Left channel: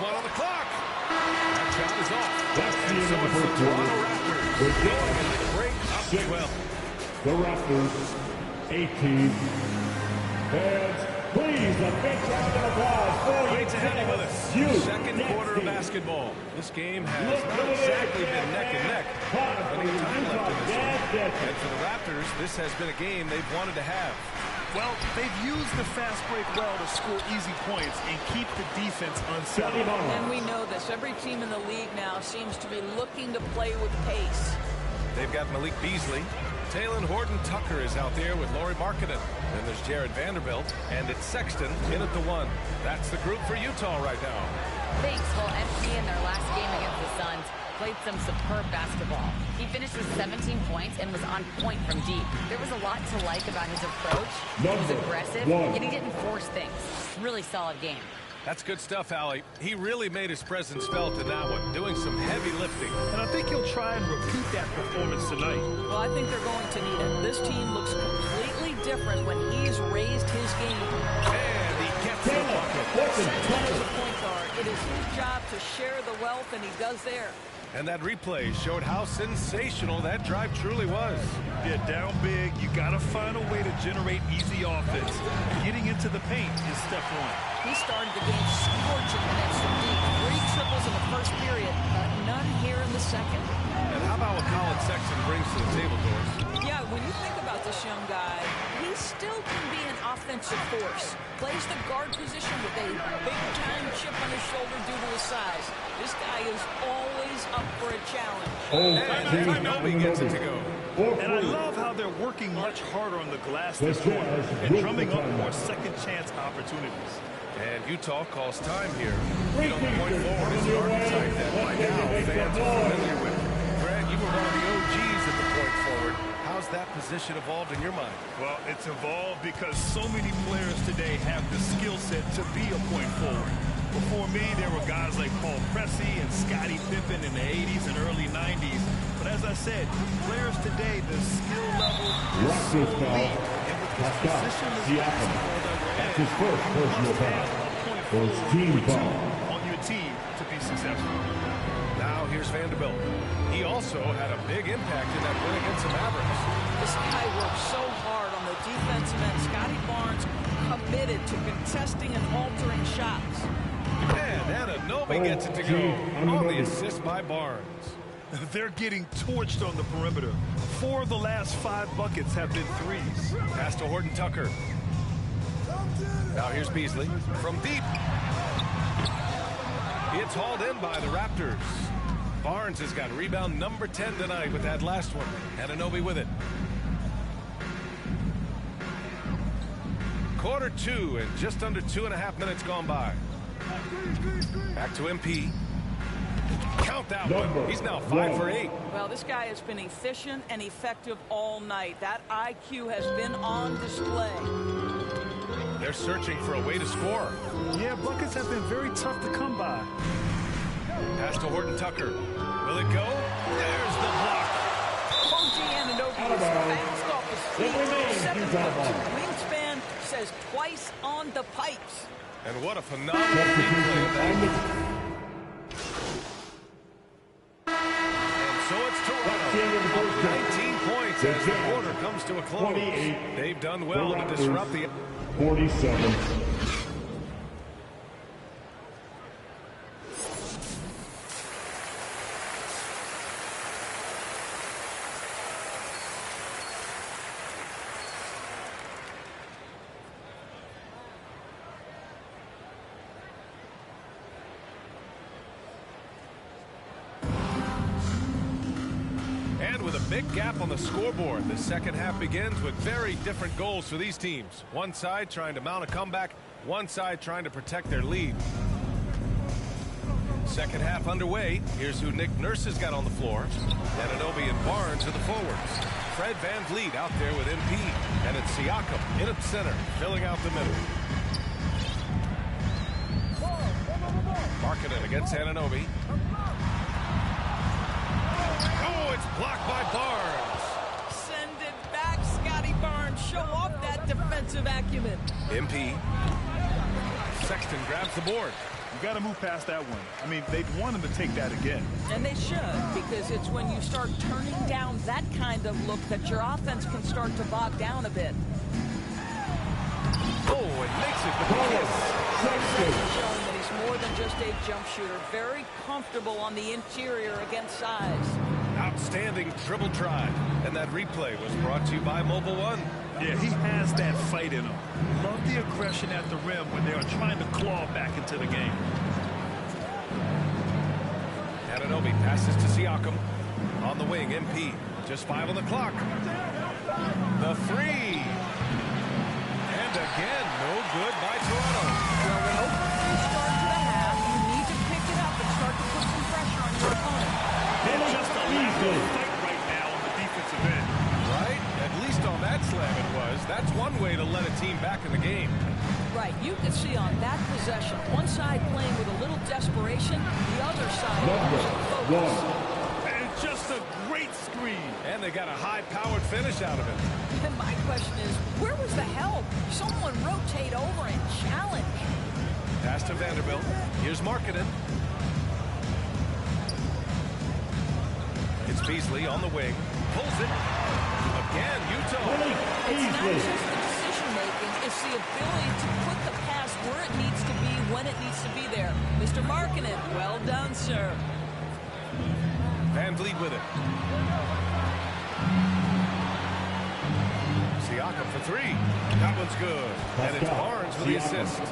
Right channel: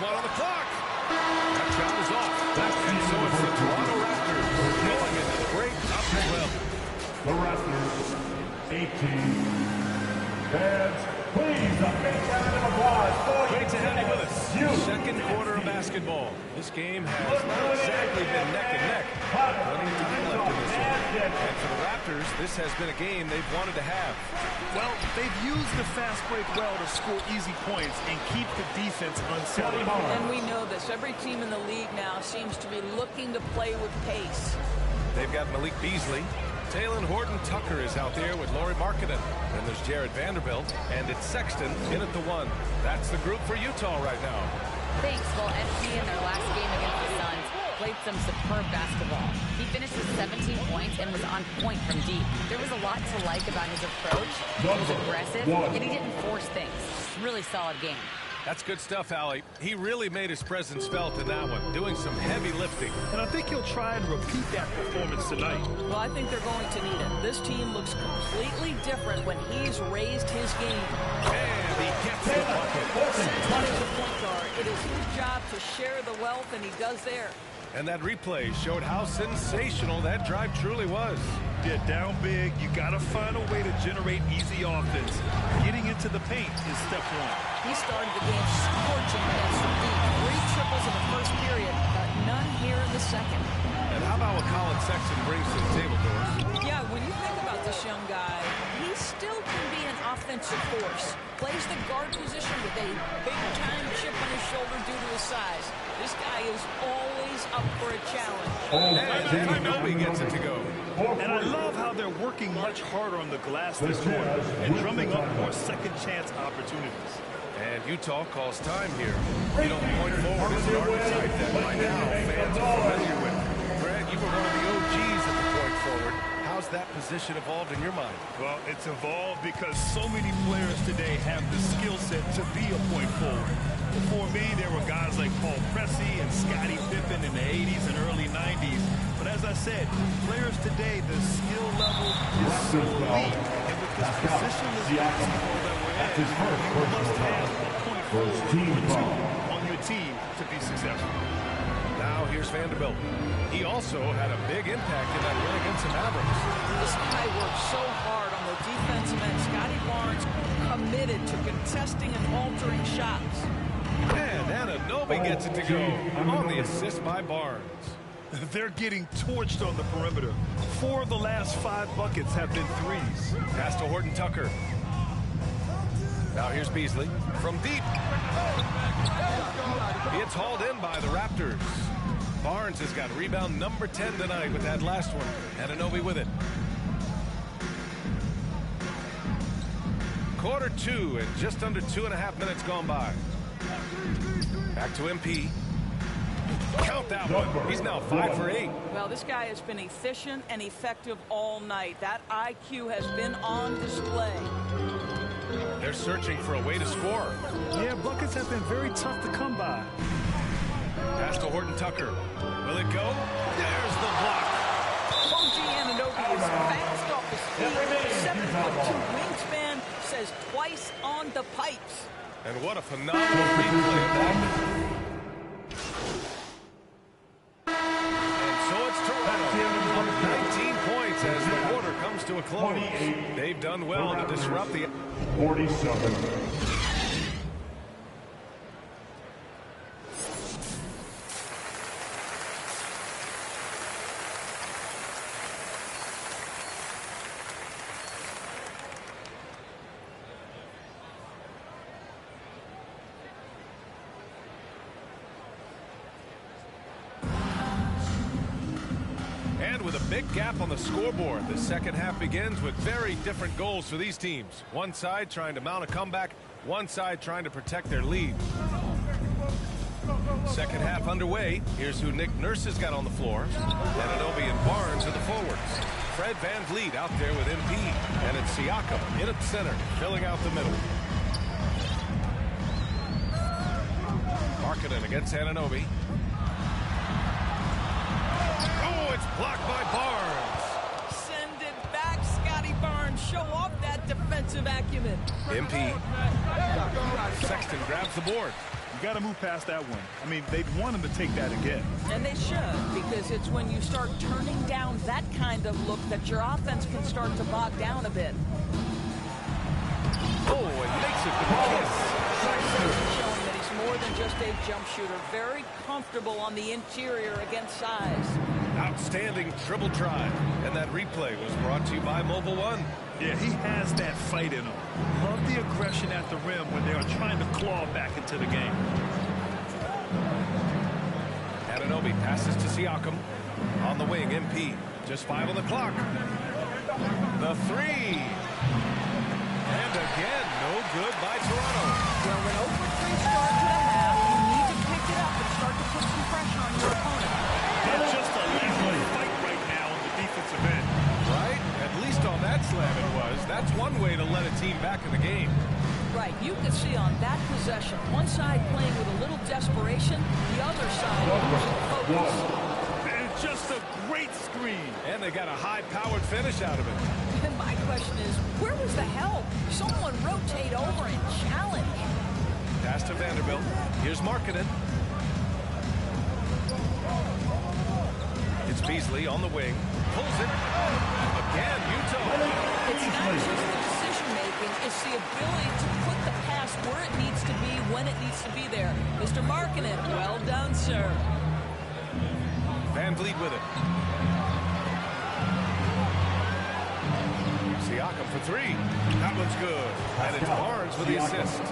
1 on the clock. That shot is off. And so it's the Toronto Raptors going into the break up 12. The Raptors, 18. Fans, please, a big round of applause for Great to have you with us. Second quarter of basketball. This game has not exactly been neck and neck. Plenty of time left in this one. And for the Raptors, this has been a game they've wanted to have. Well, they've used the fast break well to score easy points and keep the defense unsettled. And we know this. Every team in the league now seems to be looking to play with pace. They've got Malik Beasley. Talen Horton-Tucker is out there with Lauri Markkanen. Then there's Jared Vanderbilt, and it's Sexton in at the 1. That's the group for Utah right now. Thanks. Well, MP in their last game against the Suns played some superb basketball. He finished with 17 points and was on point from deep. There was a lot to like about his approach. He was aggressive, yet he didn't force things. Really solid game. That's good stuff, Allie. He really made his presence felt in that one, doing some heavy lifting. And I think he'll try and repeat that performance tonight. Well, I think they're going to need it. This team looks completely different when he's raised his game. And he gets the bucket. Sexton is a point guard. It is his job to share the wealth, and he does there. And that replay showed how sensational that drive truly was. Yeah, down big, you got to find a way to generate easy offense. Getting into the paint is step 1. He started the game scorching the nets from deep. 3 triples in the first period, but none here in the second. And how about what Colin Sexton brings to the table, Doris? Yeah, when you think about this young guy, he still can be an offensive force. Plays the guard position with a big-time chip on his shoulder due to his size. This guy is always up for a challenge. And Anunoby gets it to go. And I love how they're working much harder on the glass this quarter and drumming up more second-chance opportunities. And Utah calls time here. You know, the point forward is an archetype that by now fans are familiar with. Greg, you were one of the OGs at the point forward. How's that position evolved in your mind? Well, it's evolved because so many players today have the skill set to be a point forward. Before me, there were guys like Paul Pressey and Scottie Pippen in the 80s and early 90s. But as I said, players today, the skill level is so elite. And with this positionless basketball that we're in, you must have a point forward or 2 on your team to be successful. Now here's Vanderbilt. He also had a big impact in that win against the Mavericks. This guy works so hard on the defensive end. Scottie Barnes committed to contesting and altering shots. And Anunoby gets it to go on the assist by Barnes. They're getting torched on the perimeter. 4 of the last 5 buckets have been threes. Pass to Horton-Tucker. Now here's Beasley from deep. It's hauled in by the Raptors. Barnes has got rebound number 10 tonight with that last one. Anunoby with it. Quarter 2 and just under 2.5 minutes gone by. Back to MP. Count that one. He's now 5 for 8. Well, this guy has been efficient and effective all night. That IQ has been on display. They're searching for a way to score. Yeah, buckets have been very tough to come by. Pass to Horton-Tucker. Will it go? There's the block. OG Anunoby is fast off his feet. 7'2" wingspan, says twice on the pipes. And what a phenomenal replay of that. And so it's Toronto up 19 points as the quarter comes to a close. They've done well to disrupt the 47. And with a big gap on the scoreboard, the second half begins with very different goals for these teams. One side trying to mount a comeback, one side trying to protect their lead. Second half underway. Here's who Nick Nurse has got on the floor. Anunoby and Barnes are the forwards. Fred VanVleet out there with MP. And it's Siakam in at center, filling out the middle. Markkanen against Anunoby. Oh, it's blocked by Barnes. Send it back, Scottie Barnes. Show off that defensive acumen. MP. Sexton grabs the board. You got to move past that one. I mean, they'd want him to take that again. And they should, because it's when you start turning down that kind of look that your offense can start to bog down a bit. Oh, and makes it with the kiss. Sexton showing that he's more than just a jump shooter. Very comfortable on the interior against size. Outstanding dribble drive. And that replay was brought to you by Mobile One. Yeah, he has that fight in him. Love the aggression at the rim when they are trying to claw back into the game. Anunoby passes to Siakam. On the wing, MP. Just 5 on the clock. The three. And again, no good by Toronto. Well, when 0 for 3 start to the half, you need to pick it up and start to put some pressure on your opponent. It's just a lack of fight right now on the defensive end. Right? At least on that slam it was. That's one way to let a team back in the game. Right. You could see on that possession, one side playing with a little desperation, the other side losing focus. And just a great screen. And they got a high-powered finish out of it. And my question is, where was the help? Someone rotate over and challenge. Pass to Vanderbilt. Here's Markkanen. It's Beasley on the wing. Pulls it. Again, Utah. It's not just the decision-making. It's the ability to put the pass where it needs to be, when it needs to be there. Mr. Markkanen, well done, sir. Van Vliet with it. Siakam for 3. That one's good. And it's Barnes with the assist.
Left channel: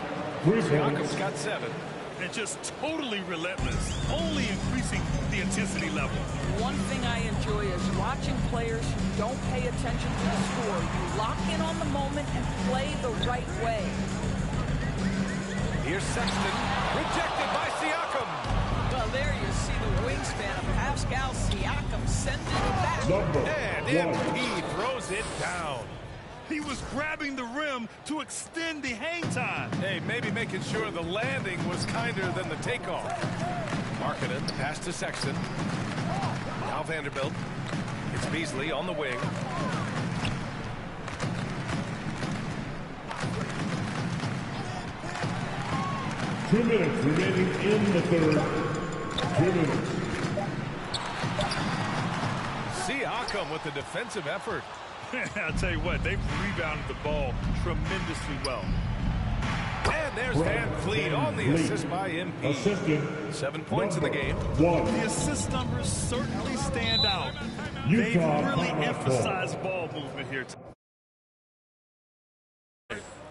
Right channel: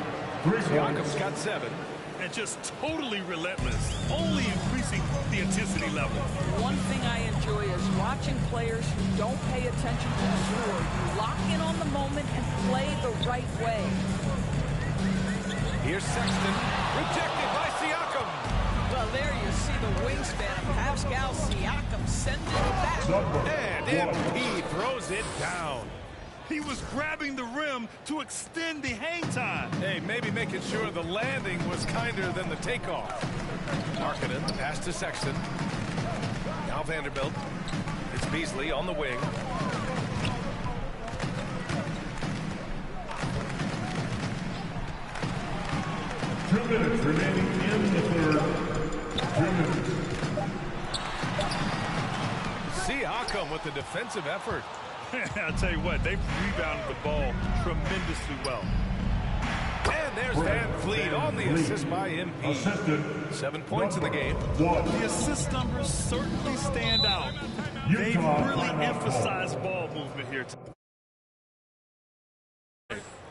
Siakam's got 7. And just totally relentless, only increasing the intensity level. One thing I enjoy is watching players who don't pay attention to the score. You lock in on the moment and play the right way. Here's Sexton, rejected by Siakam. Well, there you see the wingspan of Pascal Siakam sending it back. And MP throws it down. He was grabbing the rim to extend the hang time. Hey, maybe making sure the landing was kinder than the takeoff. Markkanen, the pass to Sexton. Now Vanderbilt. It's Beasley on the wing. Two minutes remaining in the third. 2 minutes. Siakam with the defensive effort. I'll tell you what, they've rebounded the ball tremendously well. And there's Van Vliet on the assist by MP. Assisted. 7 points in the game. The assist numbers certainly stand out. They've really emphasized ball movement here.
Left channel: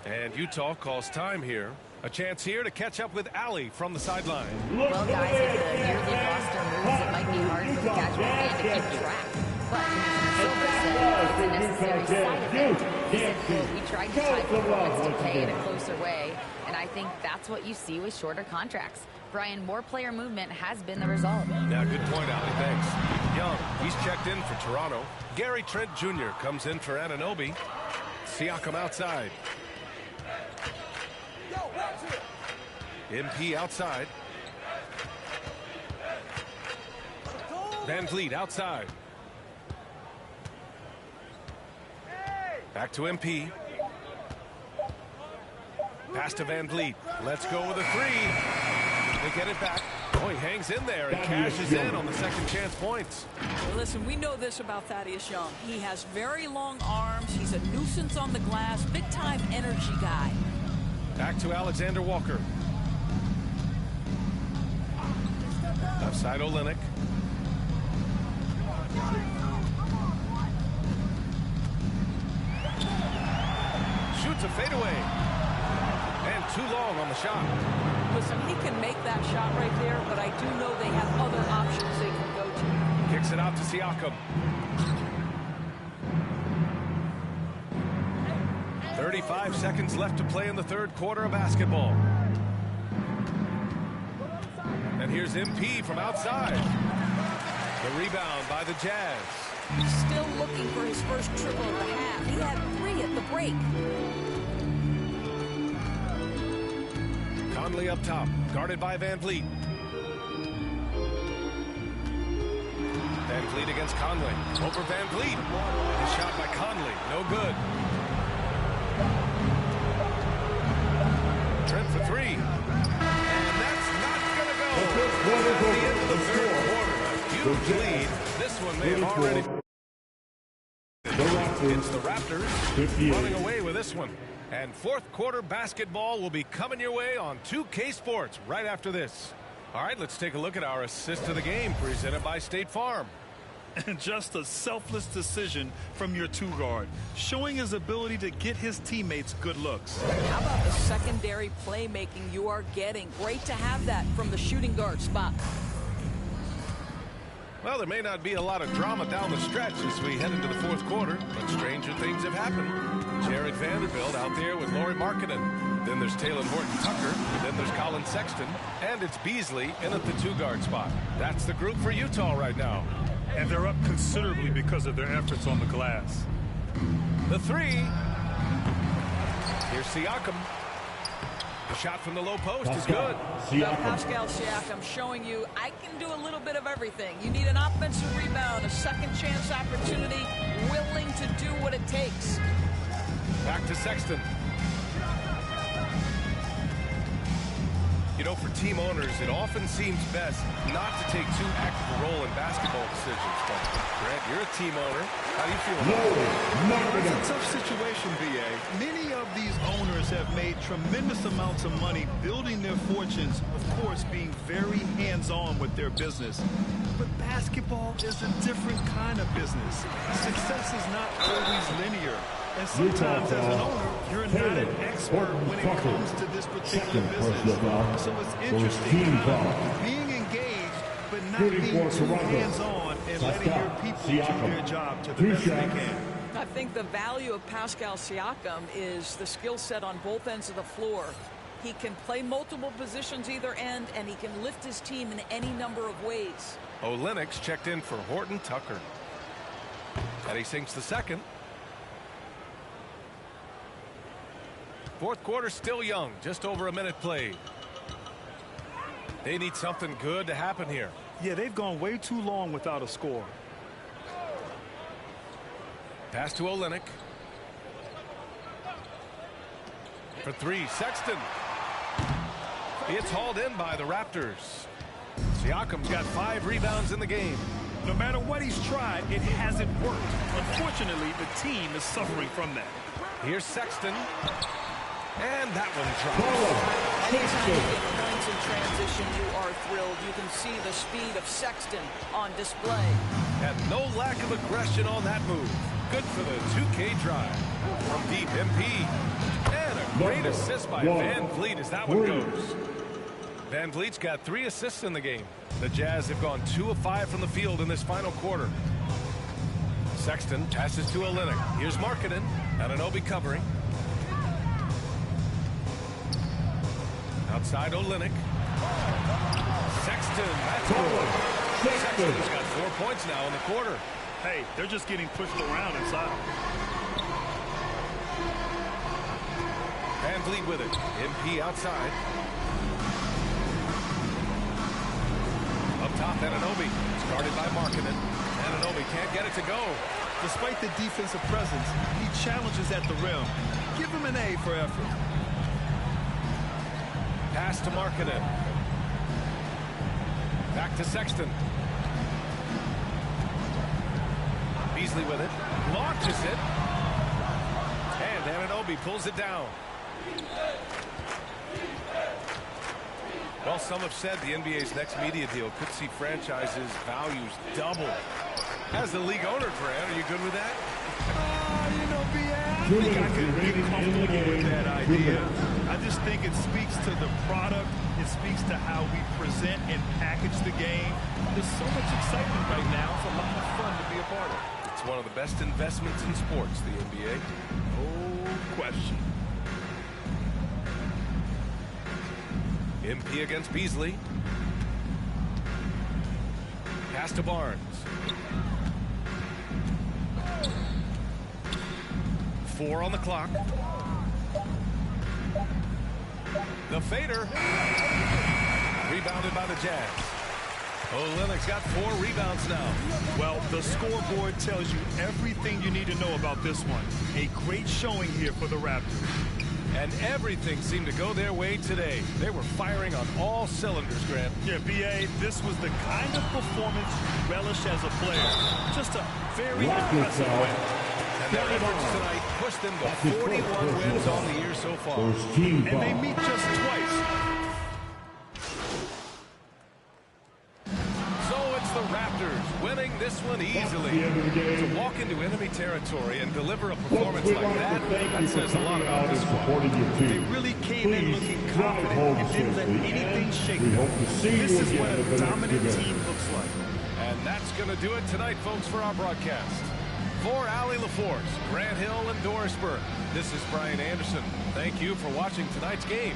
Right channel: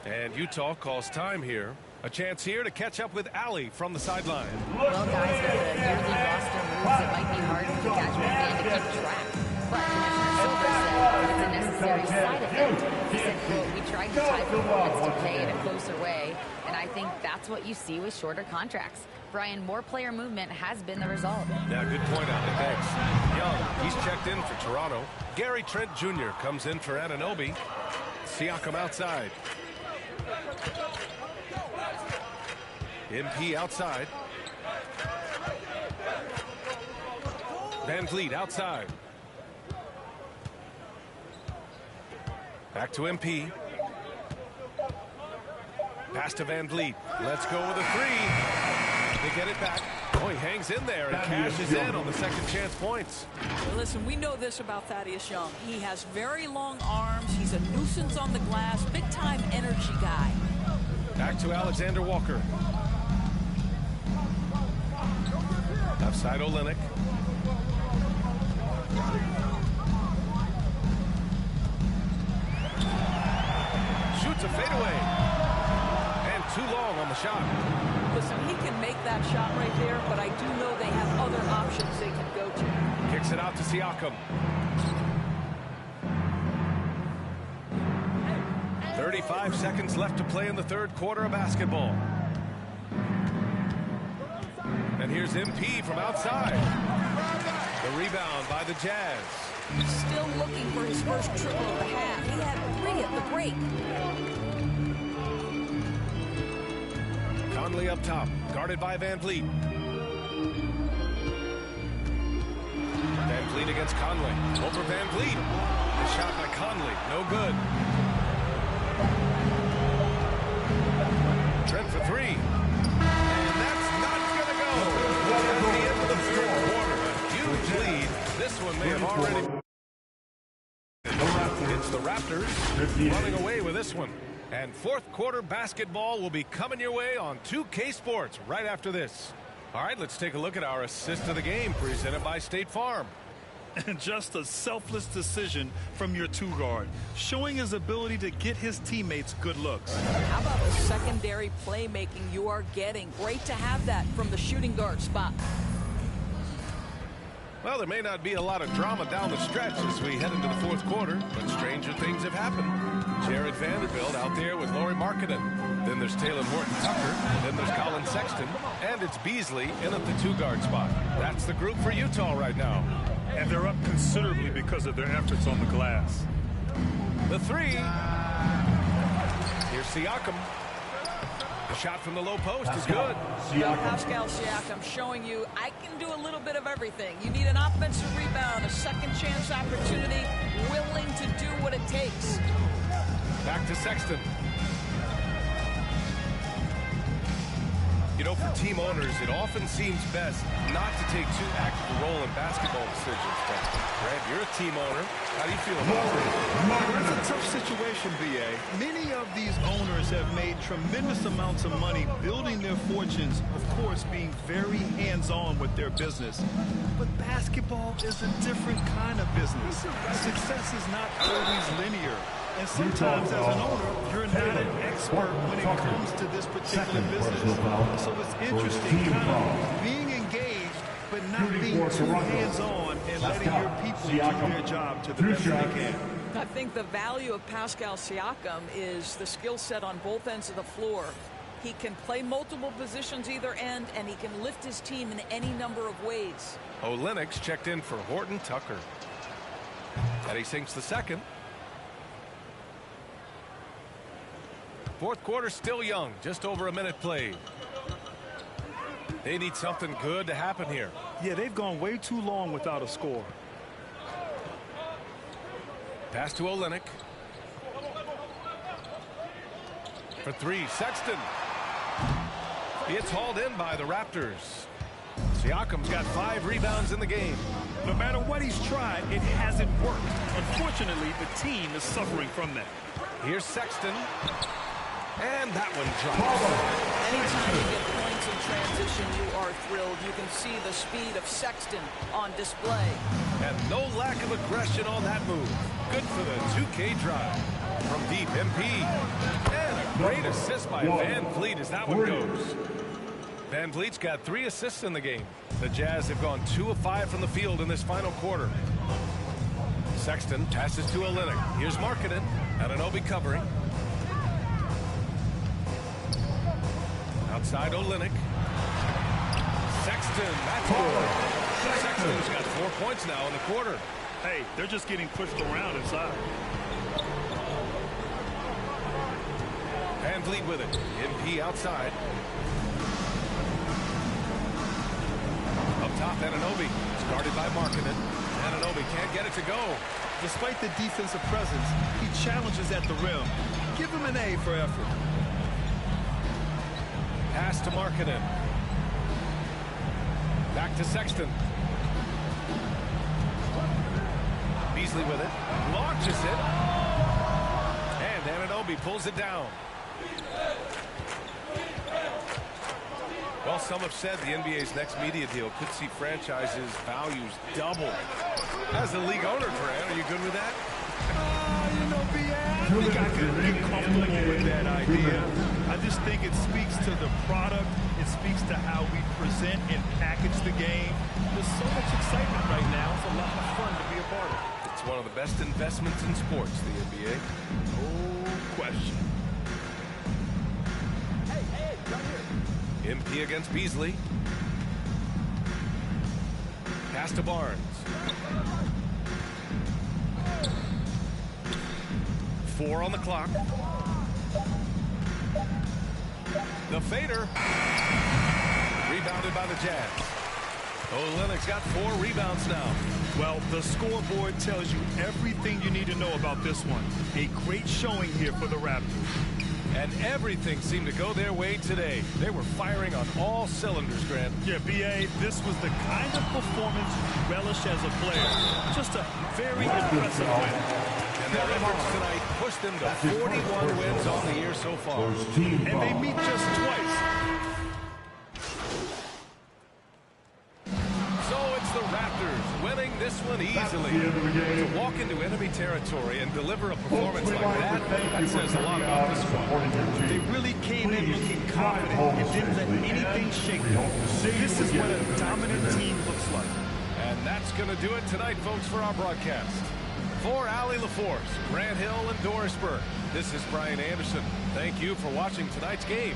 And Utah calls time here. A chance here to catch up with Allie from the sideline. Well, guys, with the yearly roster moves, it might be hard for the casual fan to keep track. But Commissioner Silver said it's a necessary side effect. He said, quote, "We tried to tie performance to pay in a closer way, and I think that's what you see with shorter contracts." Brian, more player movement has been the result. Yeah, good point, Allie. Thanks. Young, he's checked in for Toronto. Gary Trent Jr. comes in for Anunoby. Siakam outside. MP outside. Van Vliet outside. Back to MP. Pass to Van Vliet. Let's go with a 3. They get it back. Oh, he hangs in there and cashes in on the second chance points. Well, listen, we know this about Thaddeus Young. He has very long arms. He's a nuisance on the glass. Big-time energy guy. Back to Alexander Walker. Left side Olynyk. Shoots a fadeaway. And too long on the shot. Listen, he can make that shot right there, but I do know they have other options they can go to. Kicks it out to Siakam. 35 seconds left to play in the third quarter of basketball. And here's MP from outside. The rebound by the Jazz. He's still looking for his first triple of the half. He had 3 at the break. Conley up top, guarded by Van Vliet. Van Vliet against Conley. Over Van Vliet. The shot by Conley, no good. Trent for 3. And that's At the end of the third quarter, a huge lead. This one may have already... It's the Raptors running away with this one. And fourth quarter basketball will be coming your way on 2K Sports right after this. All right, let's take a look at our assist of the game presented by State Farm. And just a selfless decision from your two-guard, showing his ability to get his teammates good looks. How about the secondary playmaking you are getting? Great to have that from the shooting guard spot. Well, there may not be a lot of drama down the stretch as we head into the fourth quarter, but stranger things have happened. Jared Vanderbilt out there with Lauri Markkanen. Then there's Talen Horton-Tucker. Then there's Collin Sexton. And it's Beasley in at the two-guard spot. That's the group for Utah right now. And they're up considerably because of their efforts on the glass. The three. Here's Siakam. The shot from the low post is good. Well, Pascal Siakam showing you I can do a little bit of everything. You need an offensive rebound, a second chance opportunity, willing to do what it takes. Back to Sexton. You know, for team owners, it often seems best not to take too active a role in basketball decisions. But, Grant, you're a team owner. How do you feel about it? Well, it's a tough situation, B.A. Many of these owners have made tremendous amounts of money building their fortunes, of course, being very hands-on with their business. But basketball is a different kind of business. Success is not always linear. And sometimes as an owner, you're not an expert when it comes to this particular business. So it's interesting kind of being engaged, but not being too hands-on and letting your people do their job to the best they can. I think the value of Pascal Siakam is the skill set on both ends of the floor. He can play multiple positions either end, and he can lift his team in any number of ways. Olynyk checked in for Horton-Tucker. And he sinks the second. Fourth quarter still young, just over a minute played. They need something good to happen here. Yeah, they've gone way too long without a score. Pass to Olynyk. For three, Sexton. It's hauled in by the Raptors. Siakam's got 5 rebounds in the game. No matter what he's tried, it hasn't worked. Unfortunately, the team is suffering from that. Here's Sexton. And that one drops. Anytime you get points in transition, you are thrilled. You can see the speed of Sexton on display. And no lack of aggression on that move. Good for the 2K drive. From deep, MP. And a great assist by Van Vliet as that one goes. Van Vliet's got 3 assists in the game. The Jazz have gone 2 of 5 from the field in this final quarter. Sexton passes to Olynyk. Here's Markkanen. Anunoby covering. Outside Olynyk. Sexton, that's good. Sexton's got 4 points now in the quarter. Hey, they're just getting pushed around inside. Van Vliet with it. MP outside. Up top, Anunoby. It's guarded by Markkanen. Anunoby can't get it to go. Despite the defensive presence, he challenges at the rim. Give him an A for effort. Pass to Markkanen. Back to Sexton. Beasley with it. Launches it. And Anunoby pulls it down. Well, some have said the NBA's next media deal could see franchises' values double. As the league owner, Grant, are you good with that? You know, I think I could get comfortable with that idea. I just think it speaks to the product. It speaks to how we present and package the game. There's so much excitement right now. It's a lot of fun to be a part of. It's one of the best investments in sports, the NBA. No question. MP against Beasley. Pass to Barnes. 4 on the clock. The fader. Rebounded by the Jazz. Olynyk's got 4 rebounds now. Well, the scoreboard tells you everything you need to know about this one. A great showing here for the Raptors. And everything seemed to go their way today. They were firing on all cylinders, Grant. Yeah, B.A., this was the kind of performance you relish as a player. Just a very impressive win. And their efforts tonight pushed them to 41 wins on the year so far. And they meet just twice. So it's the Raptors winning this one easily. To walk into enemy territory and deliver a performance like that says a lot about this squad. They really came in looking confident and didn't let anything shake them. This is what a dominant team looks like. And that's going to do it tonight, folks, for our broadcast. For Allie LaForce, Grant Hill, and Doris Burke, this is Brian Anderson. Thank you for watching tonight's game.